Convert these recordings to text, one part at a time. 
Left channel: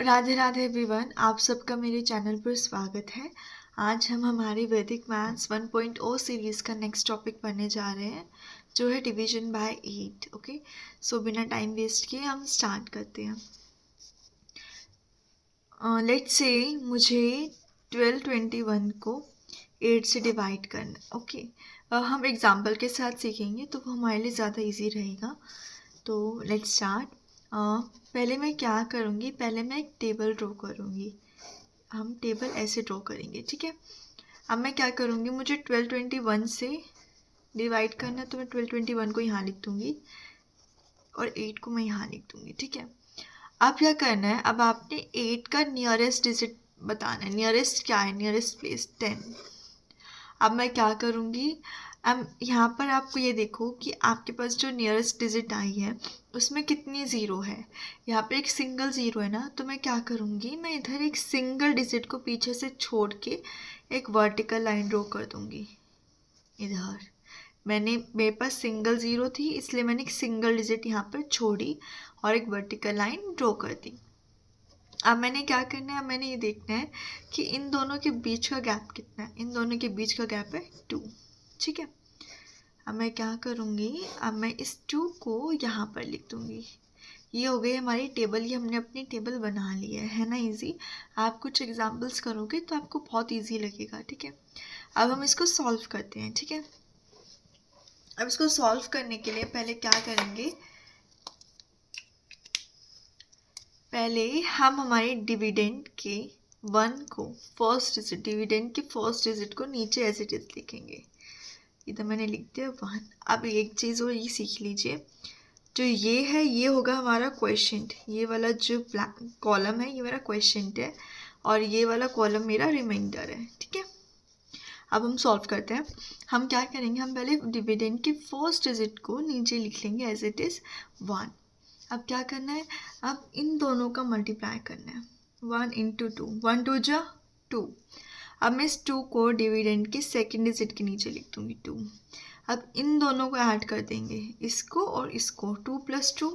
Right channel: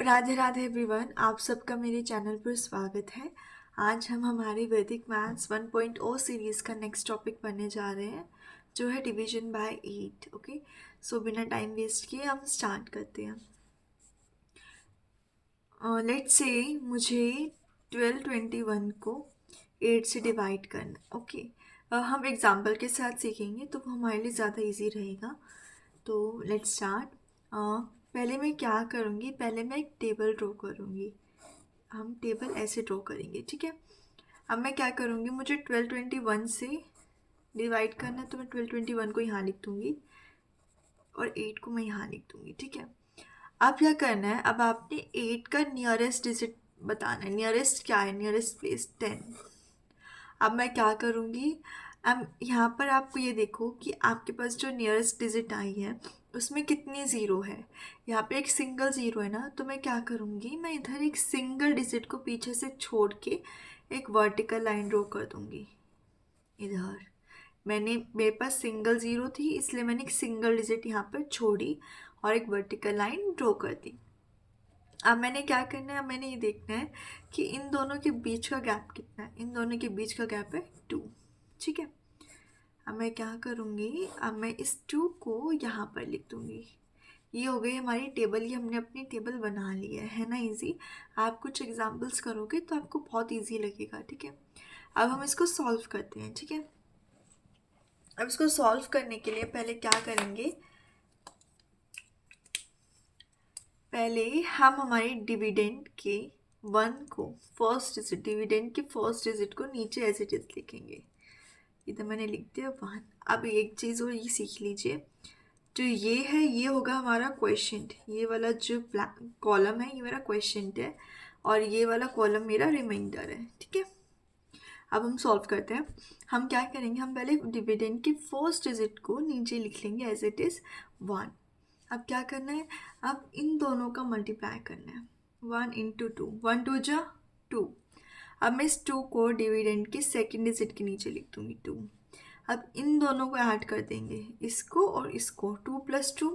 Radhe Radhe everyone, आप सबका मेरे चैनल पर स्वागत है। आज हम हमारी वैदिक मैथ्स 1.0 सीरीज़ का नेक्स्ट टॉपिक पढ़ने जा रहे हैं, जो है डिवीजन बाय 8। ओके, सो बिना टाइम वेस्ट किए हम स्टार्ट करते हैं। लेट्स से मुझे 1221 को 8 से डिवाइड करना। ओके, हम एग्जाम्पल के साथ सीखेंगे तो वो हमारे लिए ज़्यादा इजी रहेगा। तो लेट्स स्टार्ट। पहले मैं क्या करूँगी, पहले मैं एक टेबल ड्रॉ करूँगी। हम टेबल ऐसे ड्रॉ करेंगे, ठीक है। अब मैं क्या करूँगी, मुझे 1221 से डिवाइड करना है तो मैं 1221 को यहाँ लिख दूँगी और 8 को मैं यहाँ लिख दूँगी, ठीक है। अब क्या करना है, अब आपने 8 का नियरेस्ट डिजिट बताना है। नियरेस्ट क्या है, नियरेस्ट प्लेस 10। अब मैं क्या करूँगी, अब यहाँ पर आपको ये देखो कि आपके पास जो नियरेस्ट डिजिट आई है उसमें कितनी ज़ीरो है। यहाँ पे एक सिंगल ज़ीरो है ना, तो मैं क्या करूँगी, मैं इधर एक सिंगल डिजिट को पीछे से छोड़ के एक वर्टिकल लाइन ड्रॉ कर दूँगी। इधर मेरे पास सिंगल ज़ीरो थी, इसलिए मैंने एक सिंगल डिजिट यहाँ पर छोड़ी और एक वर्टिकल लाइन ड्रॉ कर दी। अब मैंने क्या करना है, अब मैंने ये देखना है कि इन दोनों के बीच का गैप कितना है। इन दोनों के बीच का गैप है 2, ठीक है। अब मैं क्या करूँगी, अब मैं इस 2 को यहाँ पर लिख दूँगी। ये हो गई हमारी टेबल, ये हमने अपनी टेबल बना ली है ना इजी। आप कुछ एग्जांपल्स करोगे तो आपको बहुत इजी लगेगा, ठीक है। अब हम इसको सॉल्व करते हैं, ठीक है। अब इसको सॉल्व करने के लिए पहले क्या करेंगे, पहले हम हमारे डिविडेंड के 1 को फर्स्ट डिजिट, डिविडेंड के फर्स्ट डिजिट को नीचे एज इट इज लिखेंगे। इधर मैंने लिख दिया 1। अब एक चीज़ और ये सीख लीजिए, जो ये है ये होगा हमारा क्वेश्चंट। ये वाला जो कॉलम है ये मेरा क्वेश्चंट है और ये वाला कॉलम मेरा रिमाइंडर है, ठीक है। अब हम सॉल्व करते हैं। हम क्या करेंगे, हम पहले डिविडेंड के फर्स्ट डिजिट को नीचे लिख लेंगे एज इट इज़ 1। अब क्या करना है, अब इन दोनों का मल्टीप्लाई करना है। 1 इंटू 2, 1 2 जा 2। अब मैं इस 2 को डिविडेंड के सेकेंड डिजिट के नीचे लिख दूँगी 2। अब इन दोनों को ऐड कर देंगे, इसको और इसको। 2 + 2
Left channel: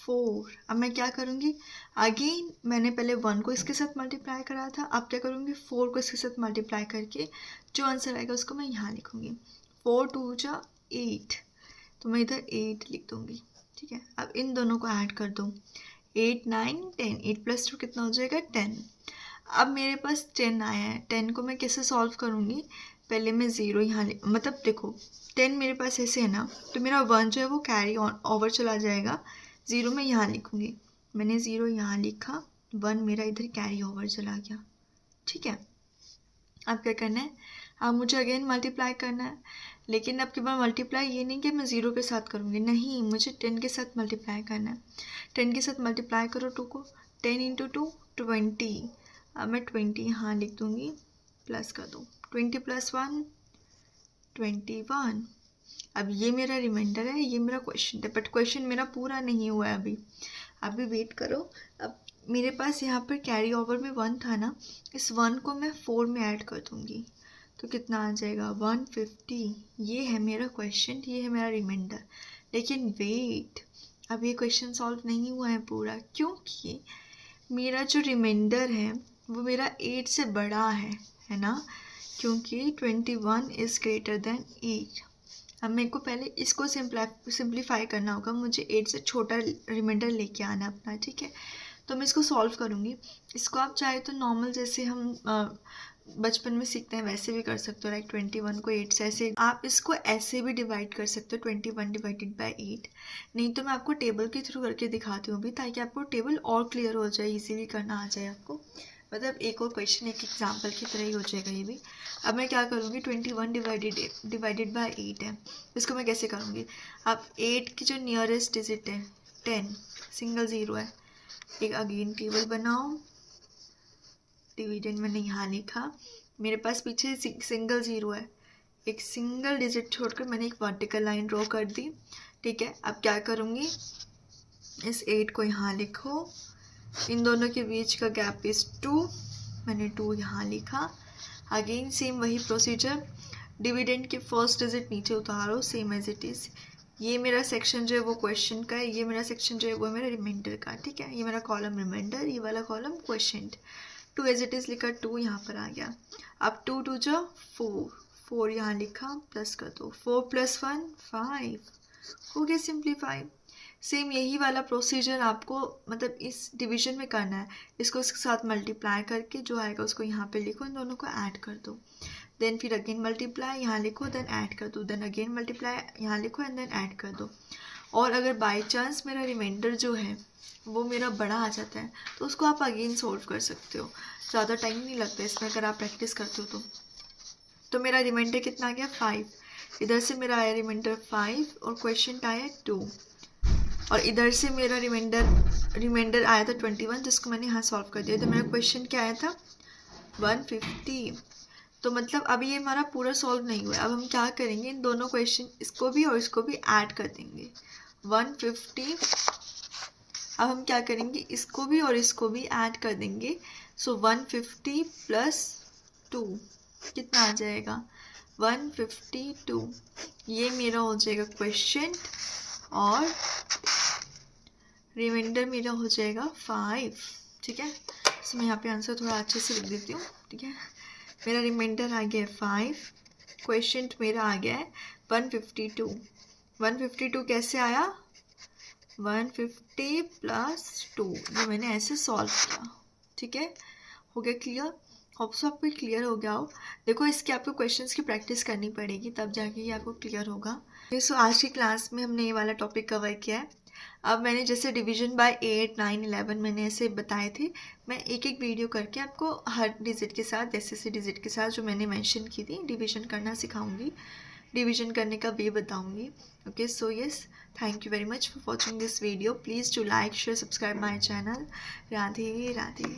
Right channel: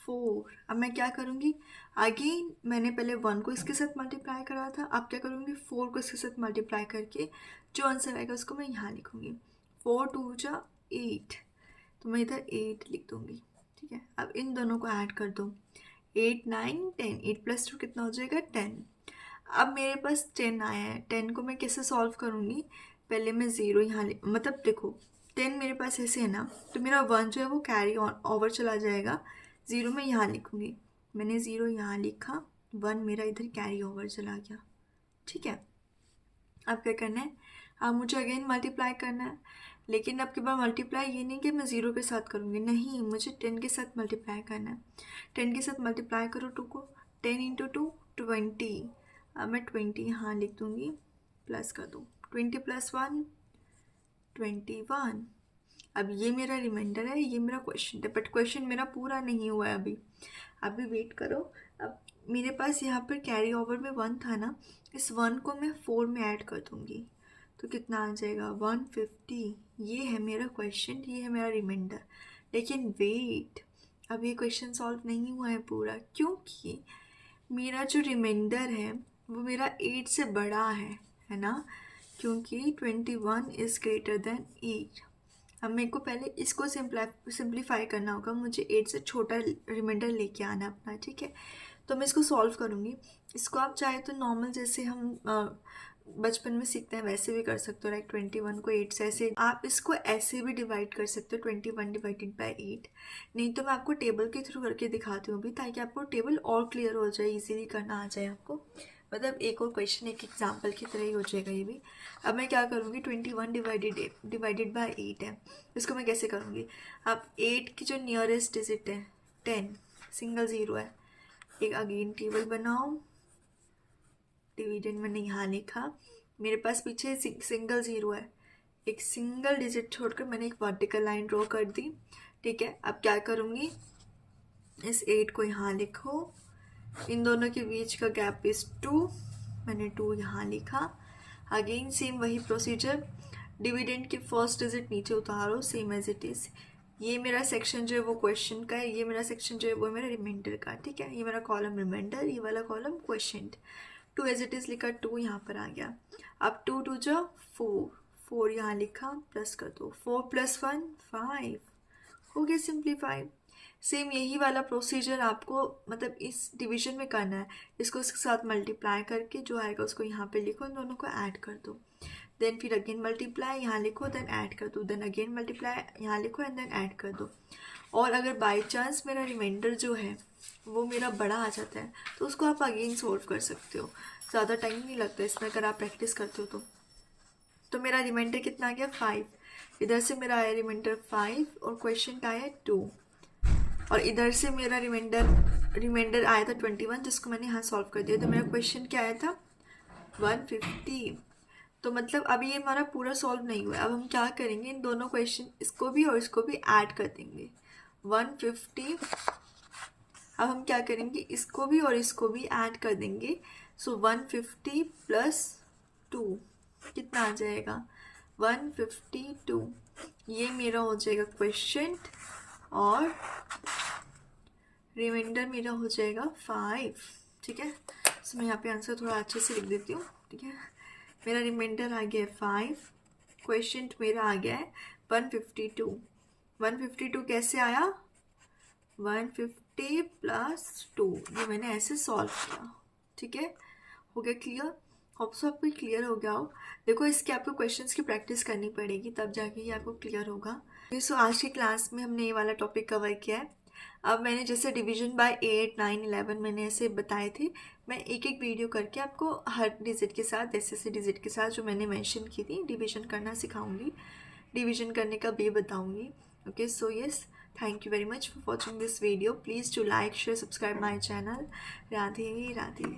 4। अब मैं क्या करूँगी, अगेन मैंने पहले 1 को इसके साथ मल्टीप्लाई करा था, अब क्या करूँगी 4 को इसके साथ मल्टीप्लाई करके जो आंसर आएगा उसको मैं यहाँ लिखूँगी। 4 2 जा 8, तो मैं इधर 8 लिख दूँगी, ठीक है। अब इन दोनों को ऐड कर दो, 8 9 10, 8 + 2 कितना हो जाएगा 10। अब मेरे पास 10 आया है, 10 को मैं कैसे सॉल्व करूँगी, पहले मैं ज़ीरो यहाँ मतलब देखो 10 मेरे पास ऐसे है ना, तो मेरा 1 जो है वो कैरी ऑन ओवर चला जाएगा। ज़ीरो मैं यहाँ लिखूँगी, मैंने ज़ीरो यहाँ लिखा, 1 मेरा इधर कैरी ओवर चला गया, ठीक है। अब क्या करना है, अब मुझे अगेन मल्टीप्लाई करना है, लेकिन अब के बाद मल्टीप्लाई ये नहीं कि मैं ज़ीरो के साथ करूँगी, नहीं, मुझे 10 के साथ मल्टीप्लाई करना है। 10 के साथ मल्टीप्लाई करो 2 को, 10 इंटू 2 20। अब मैं 20 यहाँ लिख दूँगी, प्लस कर दो, 20 + 1 21। अब ये मेरा रिमाइंडर है, ये मेरा क्वेश्चन है, बट क्वेश्चन मेरा पूरा नहीं हुआ है अभी वेट करो। अब मेरे पास यहाँ पर कैरी ओवर में 1 था ना, इस 1 को मैं 4 में ऐड कर दूँगी तो कितना आ जाएगा 150। ये है मेरा क्वेश्चन, ये है मेरा रिमाइंडर। लेकिन वेट, अब ये क्वेश्चन सॉल्व नहीं हुआ है पूरा, क्योंकि मेरा जो रिमाइंडर है वो मेरा 8 से बड़ा है ना, क्योंकि 21 इज़ ग्रेटर देन 8। अब मेरे को पहले इसको सिंप्लीफाई करना होगा, मुझे 8 से छोटा रिमाइंडर लेके आना अपना, ठीक है। तो मैं इसको सॉल्व करूँगी। इसको आप चाहे तो नॉर्मल जैसे हम बचपन में सीखते हैं वैसे भी कर सकते हो, लाइक 21 को 8 से ऐसे। आप इसको ऐसे भी डिवाइड कर सकते हो, 21 डिवाइडेड बाय 8। नहीं तो मैं आपको टेबल के थ्रू करके दिखाती हूँ अभी, ताकि आपको टेबल और क्लियर हो जाए, इजीली करना आ जाए आपको। मतलब एक और क्वेश्चन एक एग्जाम्पल की तरह ही हो जाएगा ये भी। अब मैं क्या करूँगी, 21 डिवाइडेड बाय 8 है, इसको मैं कैसे करूँगी। अब 8 की जो नियरेस्ट डिजिट है 10, सिंगल ज़ीरो है, एक अगेन टेबल बनाओ, डिविडेंड मैंने यहाँ लिखा, मेरे पास पीछे सिंगल ज़ीरो है, एक सिंगल डिजिट छोड़कर मैंने एक वर्टिकल लाइन ड्रॉ कर दी, ठीक है। अब क्या करूँगी, इस 8 को यहाँ लिखो, इन दोनों के बीच का गैप इज़ 2, मैंने 2 यहाँ लिखा। अगेन सेम वही प्रोसीजर, डिविडेंड के फर्स्ट डिजिट नीचे उतारो, सेम एज इट इज़, ये मेरा सेक्शन जो है वो क्वेश्चन का है, ये मेरा सेक्शन जो है वो मेरा रिमाइंडर का, ठीक है। ये मेरा कॉलम रिमाइंडर, ये वाला column question. 2 as it is लिखा, 2 यहाँ पर आ गया। अब 2 2 जो 4, 4 यहाँ लिखा, प्लस कर दो, 4 + 1 5, हो गया सिंप्लीफाई। सेम यही वाला प्रोसीजर आपको मतलब इस डिवीजन में करना है। इसको इसके साथ मल्टीप्लाई करके जो आएगा उसको यहाँ पे लिखो, इन दोनों को ऐड कर दो। देन फिर अगेन मल्टीप्लाई, यहाँ लिखो, देन ऐड कर दो, देन अगेन मल्टीप्लाई, यहाँ लिखो एंड देन ऐड कर दो। और अगर बाई चांस मेरा रिमाइंडर जो है वो मेरा बड़ा आ जाता है तो उसको आप अगेन सोल्व कर सकते हो, ज़्यादा टाइम नहीं लगता इसमें अगर आप प्रैक्टिस करते हो तो मेरा रिमाइंडर कितना आ गया 5, इधर से मेरा आया रिमाइंडर 5 और क्वेश्चन आया 2, और इधर से मेरा रिमाइंडर आया था 21 जिसको मैंने यहाँ सॉल्व कर दिया। तो मेरा क्वेश्चन क्या आया था 150। तो मतलब अभी ये हमारा पूरा सॉल्व नहीं हुआ। अब हम क्या करेंगे, इन दोनों क्वेश्चन इसको भी और इसको भी ऐड कर देंगे 150। अब हम क्या करेंगे, इसको भी और इसको भी ऐड कर देंगे। सो 150 + 2 कितना आ जाएगा 152। ये मेरा हो जाएगा क्वेश्चन और रिमाइंडर मेरा हो जाएगा 5, ठीक है। तो मैं यहाँ पे आंसर थोड़ा अच्छे से लिख देती हूँ, ठीक है। मेरा रिमाइंडर आ गया है 5, क्वेश्चन मेरा आ गया है 152। 152 कैसे आया 150 + 2, ये मैंने ऐसे सॉल्व किया, ठीक है। हो गया क्लियर? होप सो आपको क्लियर हो गया हो। देखो इसके आपको क्वेश्चंस की प्रैक्टिस करनी पड़ेगी तब जाके ये आपको क्लियर होगा। सो आज की क्लास में हमने ये वाला टॉपिक कवर किया है। अब मैंने जैसे डिवीजन बाय 8, 9, 11 मैंने ऐसे बताए थे, मैं एक एक वीडियो करके आपको हर डिजिट के साथ, जैसे डिजिट के साथ जो मैंने मेंशन की थी डिवीजन करना सिखाऊंगी, डिवीजन करने का वे बताऊंगी। Okay, so yes, thank you very much for watching this video. Please to like, share, subscribe my channel. Radhe Radhe.